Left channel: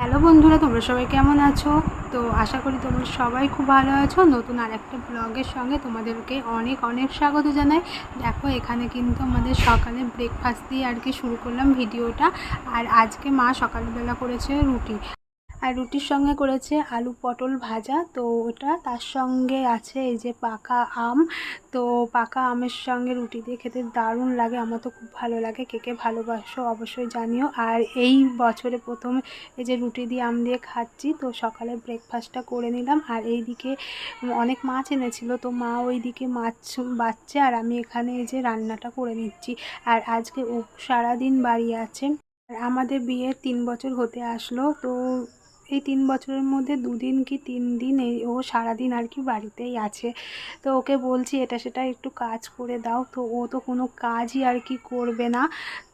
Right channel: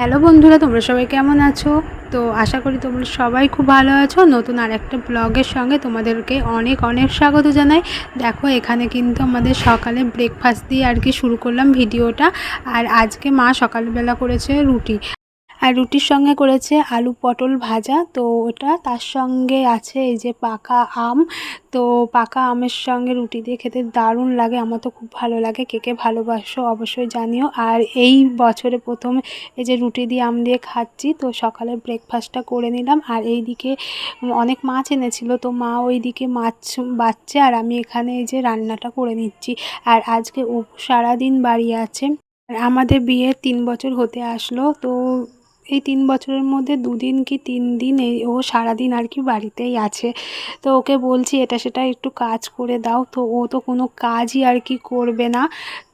Hello বন্ধুরা, তোমরা সবাই কেমন আছো? তো আশা করি তোমরা সবাই খুব ভালো আছো। নতুন আর একটা ব্লগের সঙ্গে তোমাদেরকে অনেক অনেক স্বাগত জানাই। দেখো, এখানে কিন্তু আমাদের সকালে ব্রেকফাস্ট দিয়ে আর কি শুরু করলাম ভিডিওটা। আর আজকে মা সকালবেলা করেছে রুটি। আর রুটির সঙ্গে করেছে আলু পটল ভাজা। তো ওটা তার সঙ্গে আছে এই যে পাকা আম। তো পাকা আমের সঙ্গে রুটি দিয়ে খেতে দারুণ লাগে, আমার তো খুব ভালো লাগে। কে কে ভালোবাসো অবশ্যই জানিও। আর এই বছরে প্রথম এই যে রুটি দিয়ে আম দিয়ে খাচ্ছি, তো সকালে ব্রেকফাস্টটা করে নিলাম। আর এই দিকে অনেক মাছ এনেছিল, তো মা ওই দিকে মাছ বাচ্ছে আর আমি এখানে এই যে রান্নাটা করে নিচ্ছি। আর আজকে সারাদিন বাড়ি আছে। আমাদের বিয়ের তিন বছর হতে আসলো, তো এই তিন বছরের মধ্যে দুদিন কি তিন দিন এই ও সারাদিন আর কি বাড়িতেই আছে। তো ওকে বলছি, এটা সেটা একটু কাজ করে দাও। তো ও তো কোনো কাজই আর কি করবে না।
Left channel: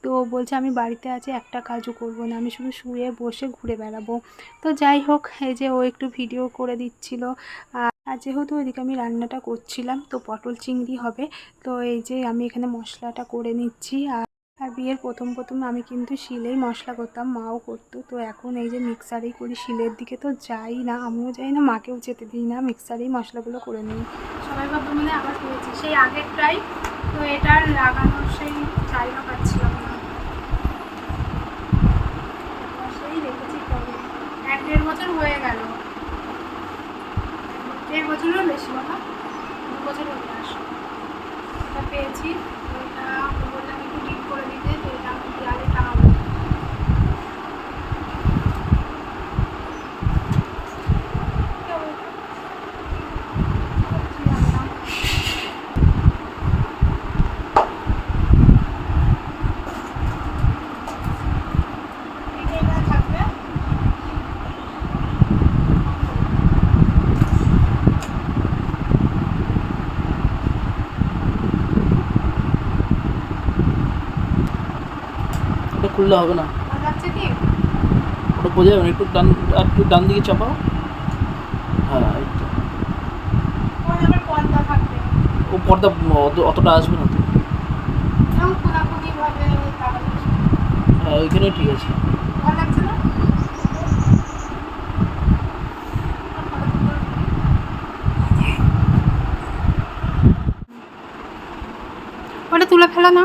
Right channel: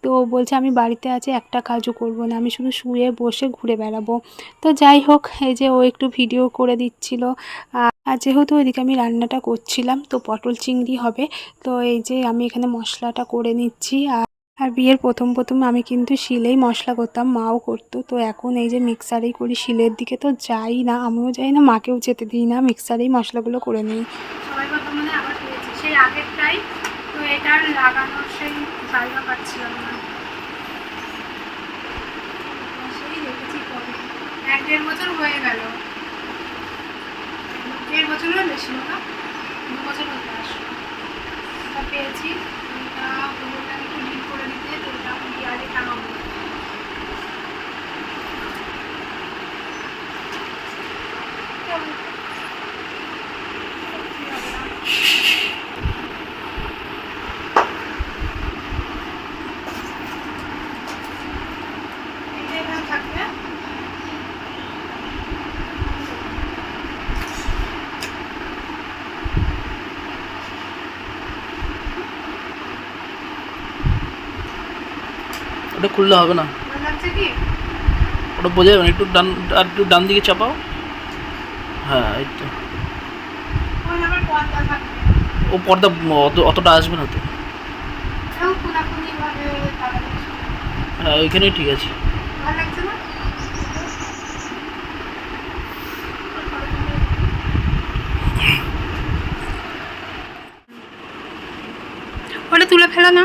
তো বলছে, আমি বাড়িতে আছি, একটা কাজও করব না। আমি শুধু শুয়ে বসে ঘুরে বেড়াবো। তো যাই হোক, এই যে ও একটু ভিডিও করে দিচ্ছিল। আর যেহেতু ওইদিকে আমি রান্নাটা করছিলাম, তো পটল চিংড়ি হবে। তো এই যে আমি এখানে মশলাটা করে নিচ্ছি। আর আর বিয়ের প্রথম প্রথম আমি কিন্তু শিলেই মশলা করতাম, মাও করতো। তো এখন এই যে মিক্সারেই করি, শিলের দিকে তো যাই না, আমিও যাই না, মাকেও যেতে দিই না, মিক্সারেই মশলাগুলো করে নিই। পেয়েছি, সেই আগেরটাই তো সেই না। সেই দেড় বছর হয়ে গেল। দেড় বেশি দু বছর হতে এটা পেয়েছি এটা বললাম একটু ডিপ করে দিতে তো এটা আমি দেয়ালে টাঙাবো থাকবে ওটা খুললে হবে না। ওটা বোঝা যাবে একটু ডান আর একটু ডান দিকে চাপাও। হ্যাঁ এই তো। ও পর্দা অতটা আসবে না তো। হ্যাঁ ওইখানেই ঠিক আছে। ওটা তুলে ফেলো না।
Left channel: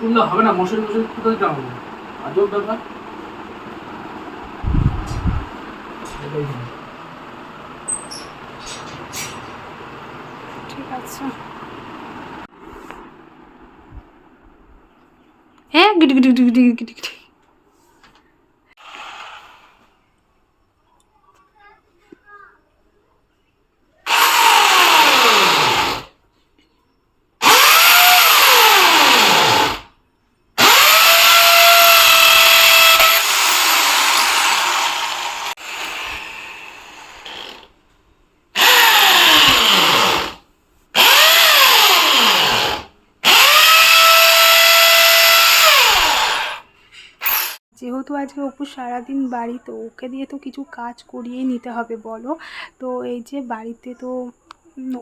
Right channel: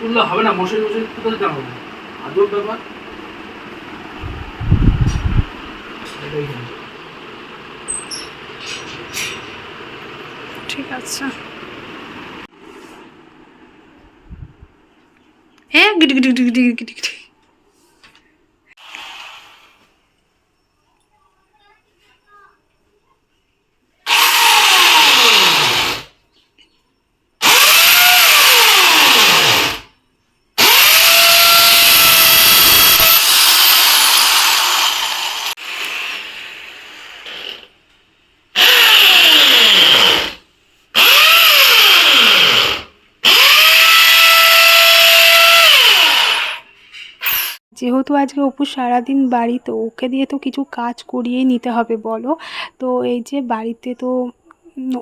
তুললে হবে না, মশারি মশারি কোথায় দিতে হবে। আজব ব্যাপার ঠিক আছে। হ্যাঁ গিটি গিটি গিটি গিটি গিটি গিটি যেহেতু আজকে অপু সারাদিন বাড়ি তো ওকে দিয়ে তো কিছু কাজ করিয়েই নিতে হবে, বলো? তো এই যে বাড়িতে তো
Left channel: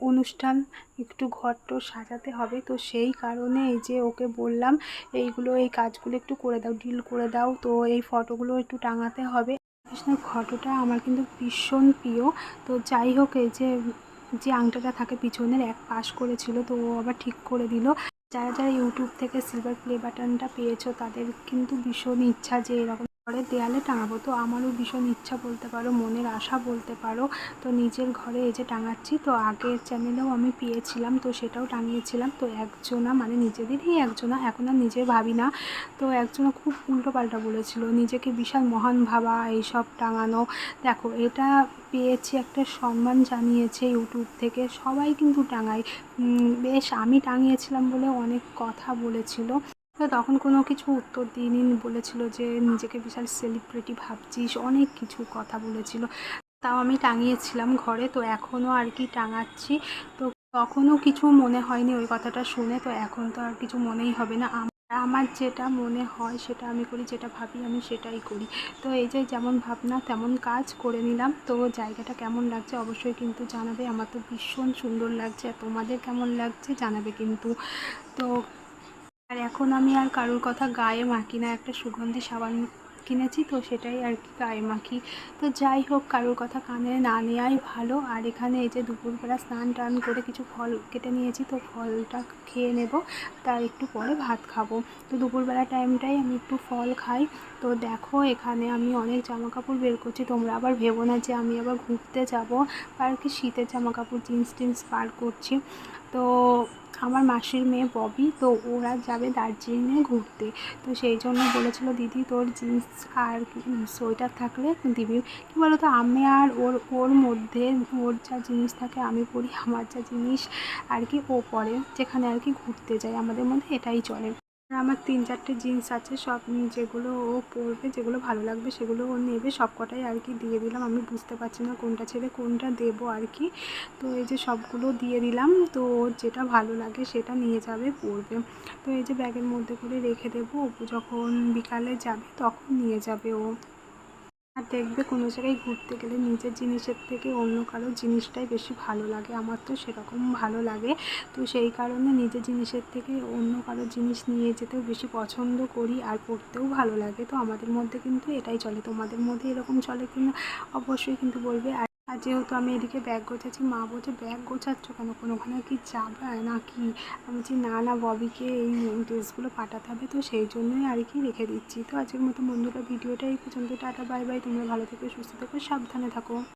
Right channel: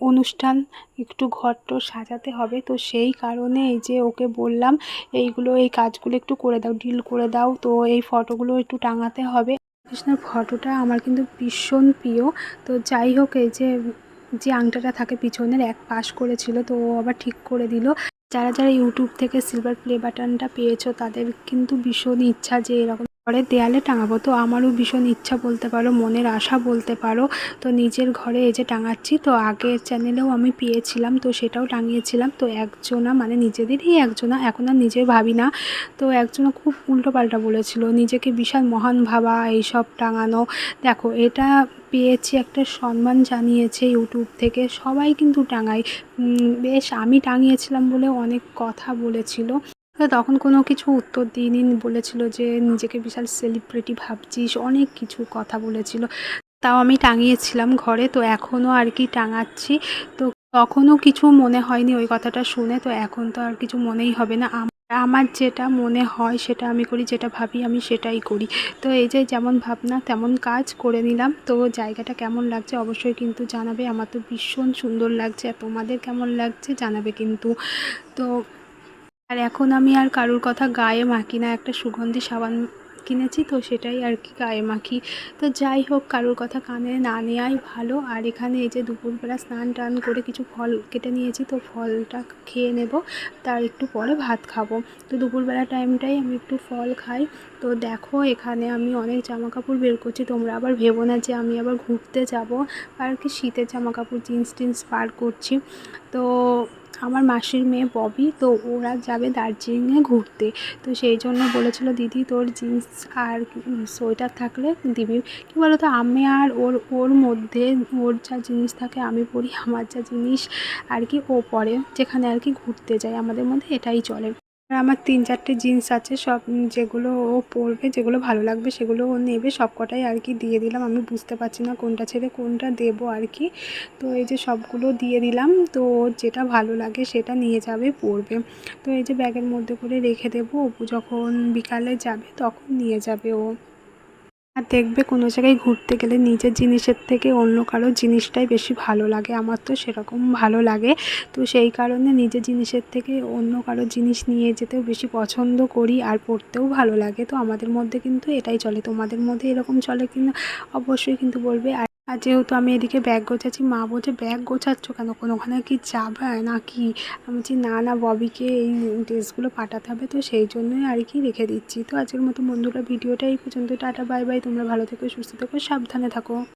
অনুষ্ঠান একটু ঘর টর সাজাতে হবে, তো সেই কারণে এই যে ওকে বললাম, এইগুলো, এই কাজগুলো একটু করে দাও ডিল করে দাও, তো এই ফটোগুলো একটু টাঙাতে হবে। কৃষ্ণের ফটোটা আমার কিন্তু ভীষণ প্রিয়, তো যাই হোক, এই যে যে আংটাটা থাকে পিছনের, এক পাশ করেছিল, তো ও আবার ঠিক করে দিল। যারা যারা ইউটিউব থেকে সিলভার প্লে বাটনটা পেয়েছ তাদের কিন্তু ভীষণ ইচ্ছা যে এরকম ঘরের দেয়ালে টাঙাবো। তো আমারও ভীষণ ইচ্ছা বলতে পারো, মনের আশা বলতে পারো। তো নিজের ঘরে এই যে টাঙাচ্ছি, তো আগের চ্যানেলেও আমি পেয়েছিলাম, তো সেটাও টাঙিয়েছিলাম। তো একজনা মানে নিজেদেরই একজনা, এখন আর নিজে ভাবি না। তো একজনা খুব উল্টোপাল্টা বলেছিল, নিজেকে বিশাল মহান ভাবা, এইসব টাঙানো। দেখো, এটা পেয়েছি একটা সম্মান জানিয়েছে ইউটিউব থেকে, সবাই কিন্তু টাঙায়। বেশ, আমি টাঙিয়েছিলাম বলে অনেক কথা বলেছিল। তখন কোনো কিছু উত্তর দিইনি। বলেছিল যে, নিজেকে বিশাল সেলিব্রিটি ভাবছিস। অনেক কিছু কথা বলেছিল। তাও আমি টাঙিয়েছিলাম ঘরে, তো এখনও আর কি টাঙাচ্ছি। তো তখনও কিছু মনে হয়নি ওই কথাটা শুনে, তো এখন তো আর কিছু মনেই হবে না। আমার যেটা মনে হয়, সেটা আমি করি, যেটা ভাবি, আমি সেটাই করি। তো এই যে, যেমন ভাবনা, তেমন কাজ করে নিলাম। তো জায়গাটা কেমন লাগছে অবশ্যই কিন্তু জানাবে। আমার তো ভীষণ সুন্দর লাগছে। তোমাদের কেমন লাগছে জানাবে কিন্তু। তো আর এখন আমি আর কারুর কথা গায়ে মাখি না, একটা সুগন্ধি সাবান কিনেছি তো সেটাই আর কি গায়ে মাখি। তো যাই হোক, কারোর কথা কানে না নেওয়াই ভালো। আর এখানে এই যে দুপুরবেলা স্নান টান করে কিছু ফল কেটে নিয়েছি তো ফলটা খেয়ে নেব, তার একটু পরে ভাত খাব। তো দুপুরবেলা টাইমটাই আমি একটু ফল খাই। তো দেখো, এখানে আমি অনেক জামা কাপড় বের করছি, তোমরা আবার ভেবো না যে আমি আবার ঘুরতে যাব। আর কি শীতের জামা কাপড় জিন্স টিন্স বার করছি। তো আমার মাসির মেয়ে ববি, তো ওরা যাবে দার্জিলিংয়ে ঘুরতে। তো সেই জন্য বলেছিল, দিদি, তোর জিন্স আর সোয়েটার থাকলে দিবি। কী বলো তো আমি আর ওর ওর মধ্যে ওর যা জিনিস থাকে, আমি পরি, আমার যা জিনিস আর কি ও পরে, যেখানে আর কি ঘুরতে যায়, আমাদের মধ্যে এটাই চলে। আর আমার তিন চারটে জিন্স আছে, সব যেগুলো ও পরবে, যেগুলো ভালো লাগবে সেগুলো ও নেবে, সব কটাই আর কি দিয়ে দিলাম। আমি বুঝতে পারছি না কোনটা ছেড়ে কোনটা দেব আর কি। তো এই যে সবগুলো দিয়ে দিলাম, তো যেটা ভালো লাগে সেটা নিয়ে যাবে, পরবে। তো এই যে ব্যাগের মধ্যে করে রেখে দেবো অপু যখন বিকালে যাবে তখন নিয়ে যাবে ও। আর দেখবে কোনো জায়গায় ঘুরতে গেলে নিজের জিনিসের থেকে অন্য কারও জিনিসটাই বেশি ভালো লাগে। আমার তো সেরকম ভালো লাগে। তো সেই কারণে নিজের জিনিসের থেকে অন্য কারও জিনিস নিয়ে যেতেও বেশি পছন্দ করি আর পড়তেও ভালো লাগে। তো আমাদের মধ্যে কিন্তু এটাই চলে। তোমাদের মধ্যে এরকম চলে কিনা? অবশ্যই কিন্তু বলবে। আর আর যেহেতু আমি এদিকে ব্যাগ গোছাচ্ছি, মা বলছে ব্যাগ গোছাচ্ছ কেন? কোনো ওখানে কি যাবে না কি? আমি বলছি, না না, ববিকে এই ড্রেসগুলো পাঠাতে হবে, তো সেই জন্যই আর কি রেখে দিচ্ছি। তো আজকের মতো বন্ধুরা, ভিডিওটা এই পর্যন্ত, টাটা, বাই বাই। তোমরা ভালো থেকো, সুস্থ থেকো, সাবধানে থাকো।